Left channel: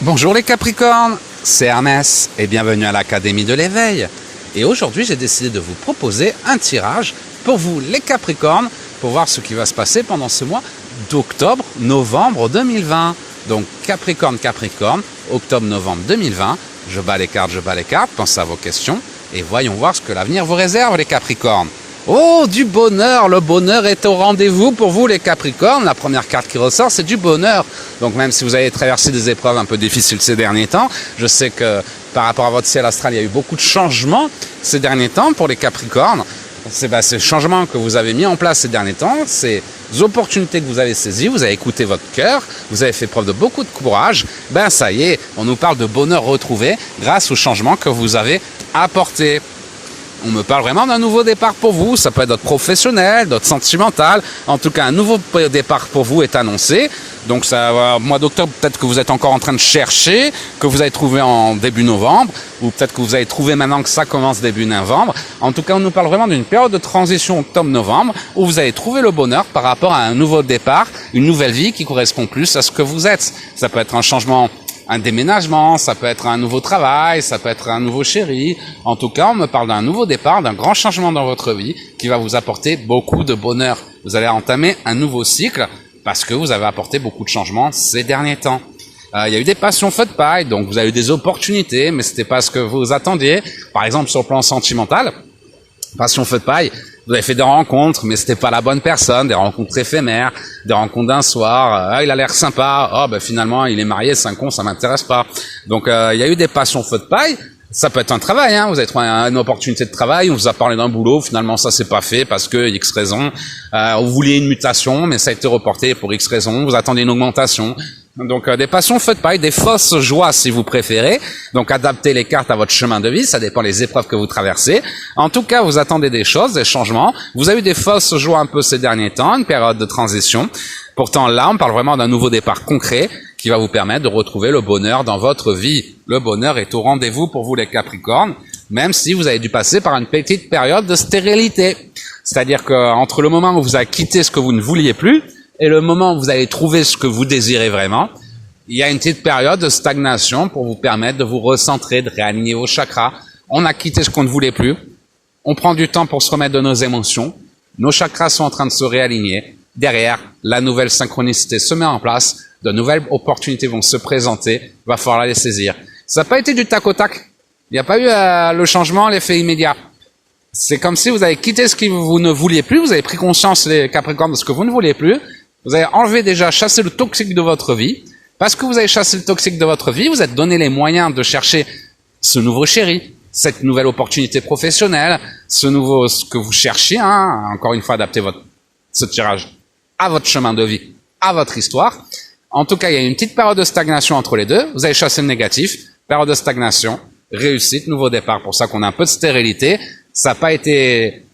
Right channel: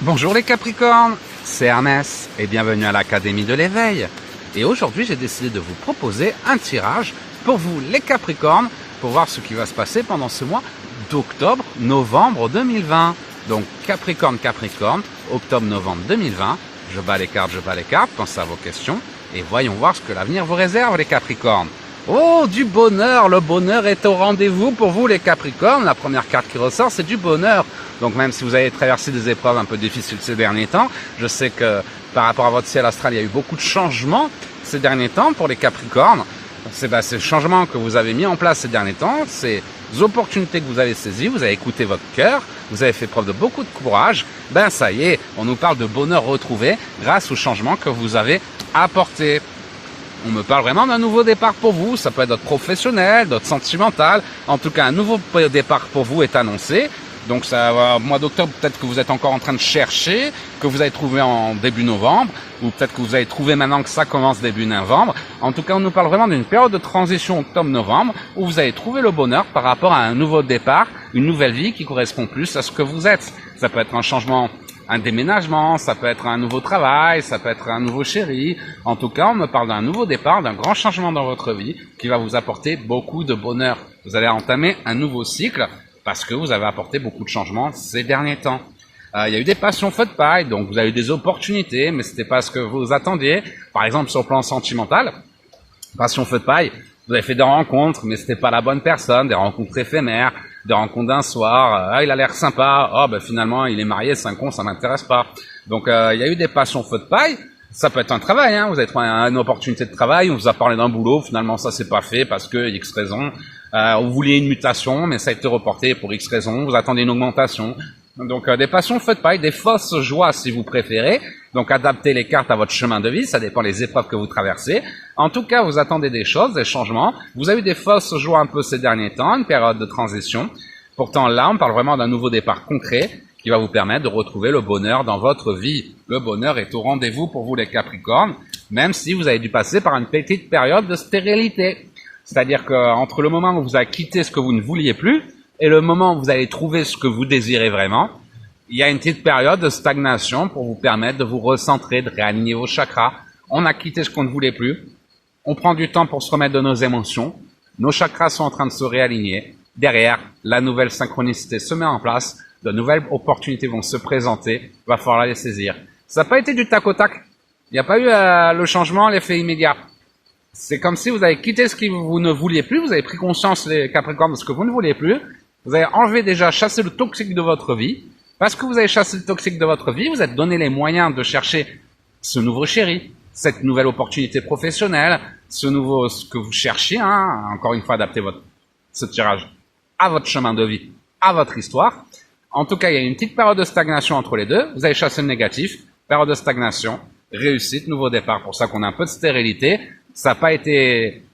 Bonjour les Capricornes, c'est Hermès et bienvenue à l'Académie de l'éveil. Et aujourd'hui, j'ai décidé de vous proposer un tirage pour vous les Capricornes pour voir ce qui va se passer pendant ce mois d'octobre-novembre 2020. Donc Capricorne, octobre-novembre 2020. Je bats les cartes, pensez à vos questions et voyons voir ce que l'avenir vous réserve les Capricornes. Oh, du bonheur, le bonheur est au rendez-vous pour vous les Capricornes. La première carte qui ressort, c'est du bonheur. Donc même si vous avez traversé des épreuves un peu difficiles ces derniers temps, je sais que par rapport à votre ciel astral, il y a eu beaucoup de changements ces derniers temps pour les Capricornes. Ces changements que vous avez mis en place ces derniers temps, ces opportunités que vous avez saisies, vous avez écouté votre cœur, vous avez fait preuve de beaucoup de courage, ça y est, on nous parle de bonheur retrouvé grâce aux changements que vous avez apportés. On me parle vraiment d'un nouveau départ pour vous. Ça peut être votre professionnel, votre sentimental. En tout cas, un nouveau départ pour vous est annoncé. Donc, ça, mois d'octobre, peut-être que vous êtes encore en train de chercher, que vous avez trouvé en début novembre, ou peut-être que vous avez trouvé maintenant que ça commence début novembre. En tout cas, on nous parle vraiment d'une période de transition octobre-novembre où vous allez trouver le bonheur par rapport à un nouveau départ, une nouvelle vie qui correspond plus à ce que vous êtes. Ça peut être un changement, un déménagement, ça peut être un nouveau travail, ça peut être un nouveau chéri. En tout cas, on me parle d'un nouveau départ, d'un grand changement dans votre vie qui va vous apporter beaucoup de bonheur. Vous allez entamer un nouveau cycle parce que vous avez apporté beaucoup de changements ces derniers temps. Il y a eu des passions faites paille, donc vous avez eu des opportunités, mais c'était pas ce que vous attendiez. Par exemple, sur le plan sentimental, passion feu de paille, vous avez fait des rencontres, mais c'était pas la bonne personne, des rencontres éphémères, des rencontres d'un soir, il a l'air sympa, finalement il est marié, c'est un con, ça m'intéresse pas. Donc il y a eu des passions feu de paille. Ça peut être un travail, vous avez trouvé une opportunité de travail, on vous a parlé d'un boulot, finalement ça s'est pas fait parce que X raison, vous vouliez une mutation, mais ça a été reporté pour X raison, vous attendez une augmentation. Donc des passions feu de paille, des fausses joies si vous préférez. Donc adaptez les cartes à votre chemin de vie, ça dépend des épreuves que vous traversez. En tout cas, vous attendez des choses, des changements. Vous avez eu des fausses joies un peu ces derniers temps, une période de transition. Pourtant là, on parle vraiment d'un nouveau départ concret qui va vous permettre de retrouver le bonheur dans votre vie. Le bonheur est au rendez-vous pour vous les Capricornes, même si vous avez dû passer par une petite période de stérilité. C'est-à-dire qu'entre le moment où vous avez quitté ce que vous ne vouliez plus et le moment où vous allez trouver ce que vous désirez vraiment, il y a une petite période de stagnation pour vous permettre de vous recentrer, de réaligner vos chakras. On a quitté ce qu'on ne voulait plus. On prend du temps pour se remettre de nos émotions. Nos chakras sont en train de se réaligner. Derrière, la nouvelle synchronicité se met en place. De nouvelles opportunités vont se présenter. Il va falloir les saisir. Ça n'a pas été du tac au tac. Il n'y a pas eu le changement, l'effet immédiat. C'est comme si vous avez quitté ce que vous ne vouliez plus. Vous avez pris conscience, les Capricornes, de ce que vous ne vouliez plus. Vous avez enlevé déjà, chassé le toxique de votre vie. Parce que vous avez chassé le toxique de votre vie, vous êtes donné les moyens de chercher ce nouveau chéri, cette nouvelle opportunité professionnelle, ce que vous cherchiez, encore une fois, adapter ce tirage à votre chemin de vie, à votre histoire. En tout cas, il y a une petite période de stagnation entre les deux. Vous avez chassé le négatif, période de stagnation, réussite, nouveau départ. Pour ça qu'on a un peu de stérilité. Ça n'a pas été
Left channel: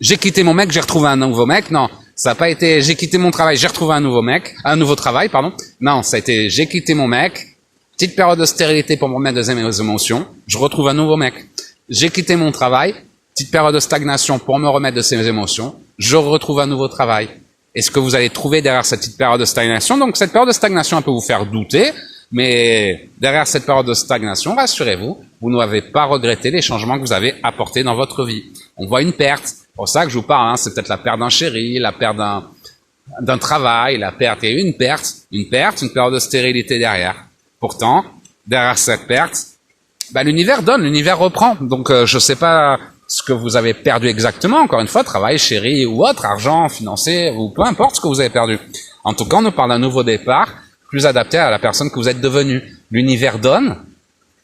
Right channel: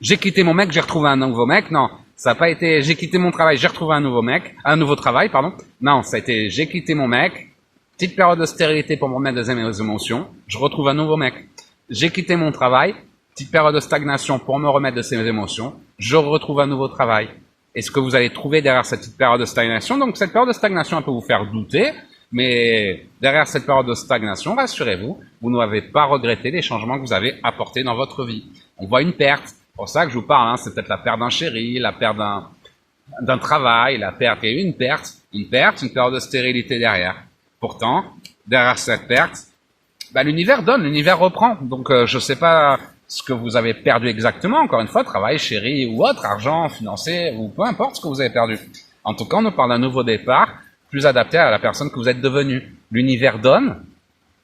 j'ai quitté mon mec, j'ai retrouvé un nouveau mec. Non, ça n'a pas été j'ai quitté mon travail, j'ai retrouvé un nouveau travail, pardon. Non, ça a été j'ai quitté mon mec, petite période de stérilité pour me remettre de mes émotions, je retrouve un nouveau mec. J'ai quitté mon travail, petite période de stagnation pour me remettre de ces émotions, je retrouve un nouveau travail. Et ce que vous allez trouver derrière cette petite période de stagnation, donc cette période de stagnation peut vous faire douter, mais derrière cette période de stagnation, rassurez-vous, vous n'avez pas regretté les changements que vous avez apportés dans votre vie. On voit une perte. C'est pour ça que je vous parle, c'est peut-être la perte d'un chéri, la perte d'un travail, il y a eu une période de stérilité derrière. Pourtant, derrière cette perte, l'univers donne, l'univers reprend. Donc je sais pas ce que vous avez perdu exactement, encore une fois, travail, chéri ou autre, argent, financier, ou peu importe ce que vous avez perdu. En tout cas, on nous parle d'un nouveau départ, plus adapté à la personne que vous êtes devenue. L'univers donne,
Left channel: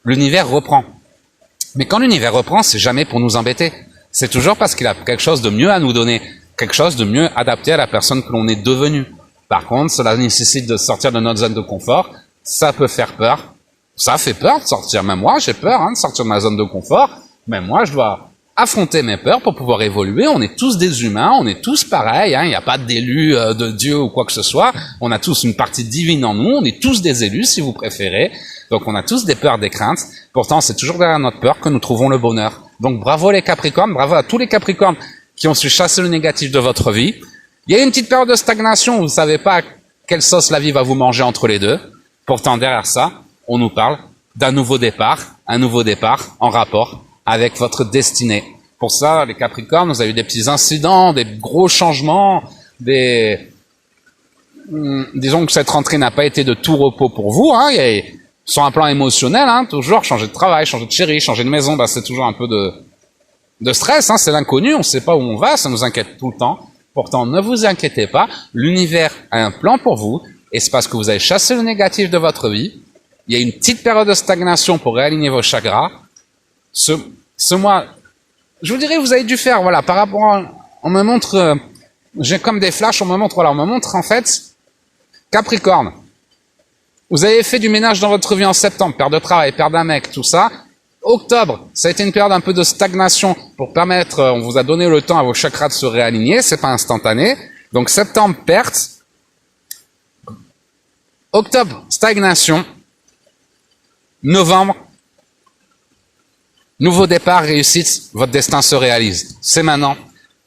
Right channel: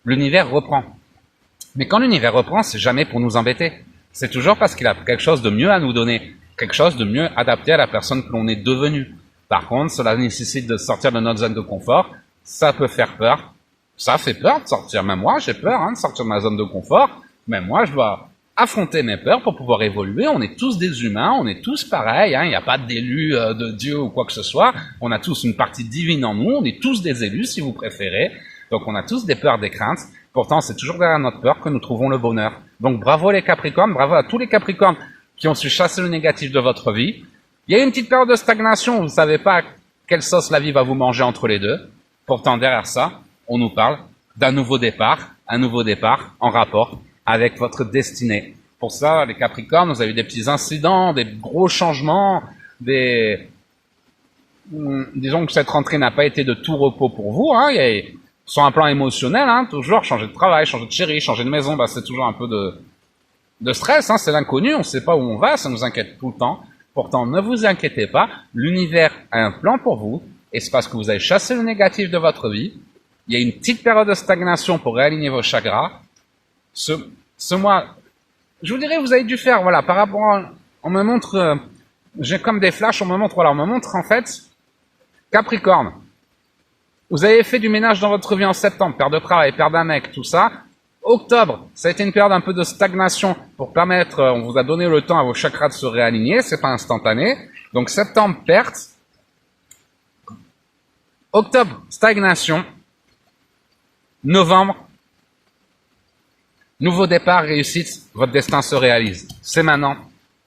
l'univers reprend. Mais quand l'univers reprend, c'est jamais pour nous embêter. C'est toujours parce qu'il a quelque chose de mieux à nous donner, quelque chose de mieux adapté à la personne que l'on est devenu. Par contre, cela nécessite de sortir de notre zone de confort. Ça peut faire peur. Ça fait peur de sortir. Même moi, j'ai peur de sortir de ma zone de confort. Même moi, je dois affronter mes peurs pour pouvoir évoluer. On est tous des humains, on est tous pareils. Il n'y a pas d'élu de Dieu ou quoi que ce soit. On a tous une partie divine en nous. On est tous des élus, si vous préférez. Donc on a tous des peurs, des craintes. Pourtant, c'est toujours derrière notre peur que nous trouvons le bonheur. Donc bravo les Capricornes, bravo à tous les Capricornes qui ont su chasser le négatif de votre vie. Il y a une petite période de stagnation, vous ne savez pas quelle sauce la vie va vous manger entre les deux. Pourtant, derrière ça, on nous parle d'un nouveau départ, un nouveau départ en rapport avec votre destinée. Pour ça, les Capricornes, vous avez eu des petits incidents, des gros changements, disons que cette rentrée n'a pas été de tout repos pour vous, hein. Sur un plan émotionnel, hein, toujours changer de travail, changer de chérie, changer de maison, bah, c'est toujours un peu de stress, hein, c'est l'inconnu, on ne sait pas où on va, ça nous inquiète tout le temps. Pourtant, ne vous inquiétez pas, l'univers a un plan pour vous, et c'est parce que vous avez chassé le négatif de votre vie. Il y a une petite période de stagnation pour réaligner vos chakras. Ce mois, je vous dirais, vous avez dû faire, voilà, par rapport on me montre, j'ai comme des flashs, on me montre en fait, Capricorne. Vous avez fait du ménage dans votre vie en septembre, perte de travail, perte d'un mec, tout ça. Octobre, ça a été une période un peu de stagnation pour permettre, on vous a donné le temps à vos chakras de se réaligner, c'est pas instantané. Donc septembre, perte. Octobre, stagnation. Novembre, nouveau départ, réussite, votre destin se réalise. C'est maintenant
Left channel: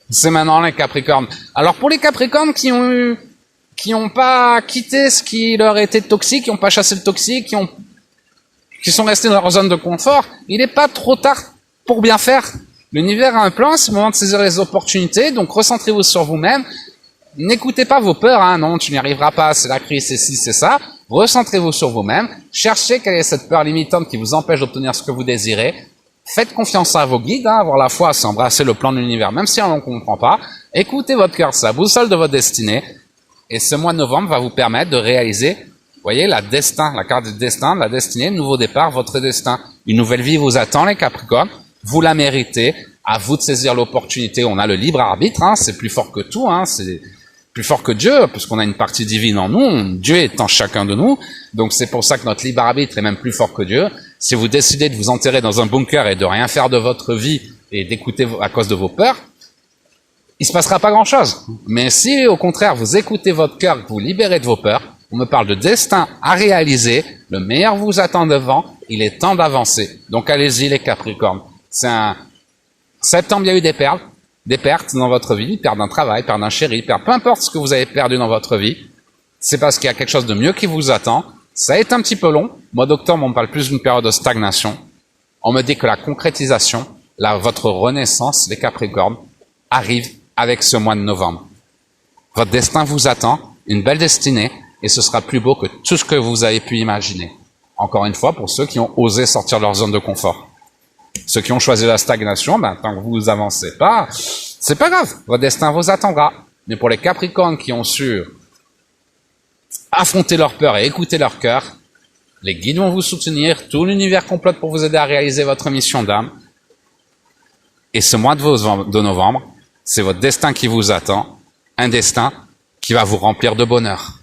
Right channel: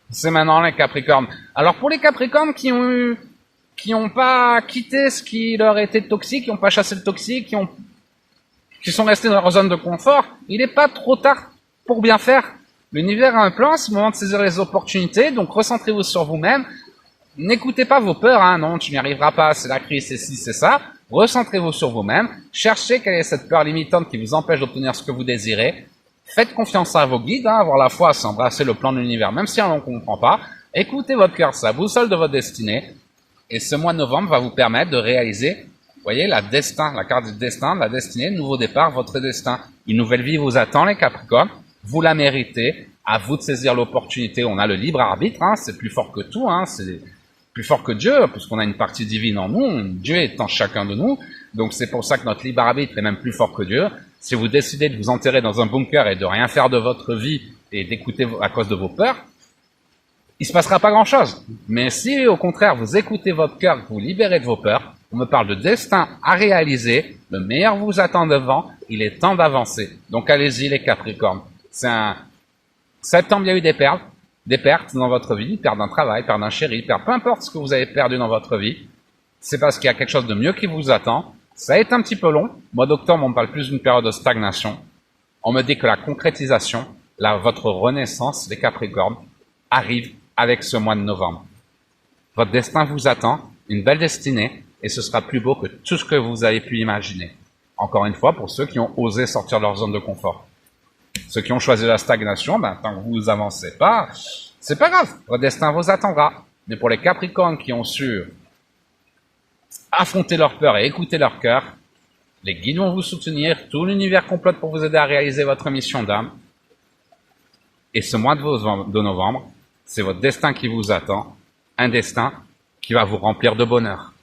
les Capricornes. Alors pour les Capricornes qui ont pas quitté ce qui leur était toxique, qui ont pas chassé le toxique, qui sont restés dans leur zone de confort, il n'est pas trop tard pour bien faire. L'univers a un plan, c'est le moment de saisir les opportunités, donc recentrez-vous sur vous-même. N'écoutez pas vos peurs, hein, non, tu n'y arriveras pas, c'est la crise, c'est ci, c'est ça. Recentrez-vous sur vous-même, cherchez quelle est cette peur limitante qui vous empêche d'obtenir ce que vous désirez. Faites confiance à vos guides, hein, avoir la foi, c'est embrasser le plan de l'univers, même si on ne comprend pas. Écoutez votre cœur, c'est la boussole de votre destinée. Et ce mois de novembre va vous permettre de réaliser, vous voyez, la carte du destin, la destinée, nouveau départ, votre destin. Une nouvelle vie vous attend, les Capricornes. Vous la méritez. À vous de saisir l'opportunité. On a le libre arbitre, hein, c'est plus fort que tout, hein, c'est plus fort que Dieu, puisqu'on a une partie divine en nous. Dieu est en chacun de nous. Donc c'est pour ça que notre libre arbitre est même plus fort que Dieu. Si vous décidez de vous enterrer dans un bunker et de rien faire de votre vie et d'écouter à cause de vos peurs, il se passera pas grand-chose. Mais si, au contraire, vous écoutez votre cœur, vous libérez de vos peurs, on me parle de destin à réaliser, le meilleur vous attend devant, il est temps d'avancer. Donc allez-y les Capricornes. Septembre, il y a eu des pertes dans votre vie, perte d'un travail, perte d'un chéri, peu importe ce que vous avez perdu dans votre vie, c'est parce qu'il y a quelque chose de mieux qui vous attend. Ça a été un petit peu long. Mois d'octobre, on me parle plus d'une période de stagnation. On me dit que la concrétisation, votre renaissance, les Capricornes, arrive avec ce mois de novembre. Votre destin vous attend, une belle destinée, et ce sera plus beau que tout ce que vous avez pu imaginer. Encore une fois, pour ceux qui ont osé sortir de leur zone de confort. Ceux qui ont choisi la stagnation, tant que vous avancez pas, c'est pas grave, votre destin vous attendra. Mais pour les Capricornes qui ont su affronter leur peur et écouter leur cœur, les guides vont vous soutenir, tout l'univers complote pour vous aider à réaliser votre mission d'âme. Et ce mois de novembre, c'est votre destin qui vous attend, un destin qui va vous remplir de bonheur.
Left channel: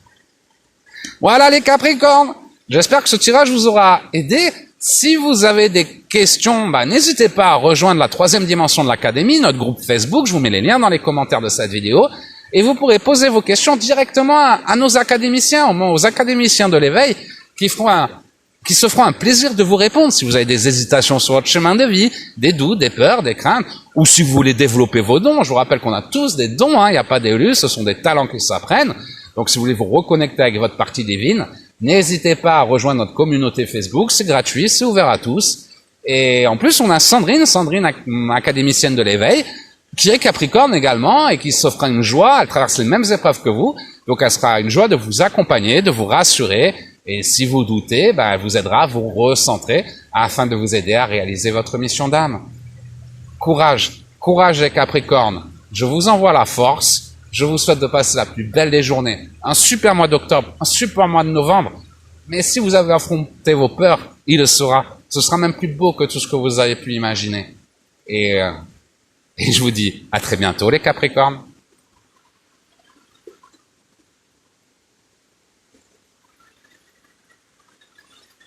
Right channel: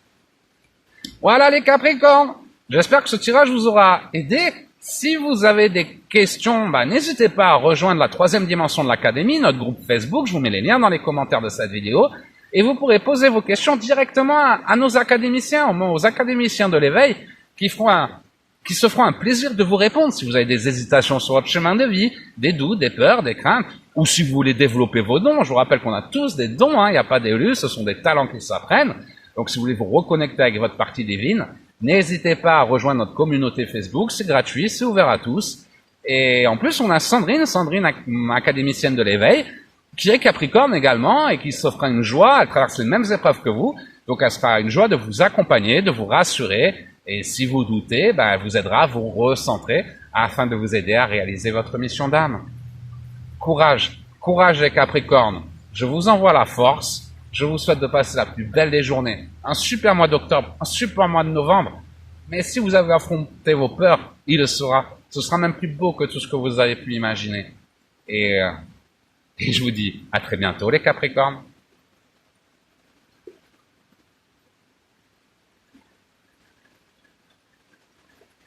Voilà les Capricornes, j'espère que ce tirage vous aura aidé. Si vous avez des questions, n'hésitez pas à rejoindre la 3e dimension de l'Académie, notre groupe Facebook, je vous mets les liens dans les commentaires de cette vidéo, et vous pourrez poser vos questions directement à nos académiciens, aux académiciens de l'éveil, qui se feront un plaisir de vous répondre si vous avez des hésitations sur votre chemin de vie, des doutes, des peurs, des craintes, ou si vous voulez développer vos dons. Je vous rappelle qu'on a tous des dons, hein, il n'y a pas d'élus, ce sont des talents qui s'apprennent. Donc si vous voulez vous reconnecter avec votre partie divine, n'hésitez pas à rejoindre notre communauté Facebook, c'est gratuit, c'est ouvert à tous. Et en plus, on a Sandrine, académicienne de l'éveil, qui est Capricorne également et qui s'offre une joie, elle traverse les mêmes épreuves que vous. Donc elle sera une joie de vous accompagner, de vous rassurer. Et si vous doutez, elle vous aidera à vous recentrer afin de vous aider à réaliser votre mission d'âme. Courage, courage les Capricornes. Je vous envoie la force. Je vous souhaite de passer la plus belle des journées. Un super mois d'octobre, un super mois de novembre. Mais si vous avez affronté vos peurs, il le sera. Ce sera même plus beau que tout ce que vous avez pu imaginer. Et je vous dis à très bientôt les Capricornes.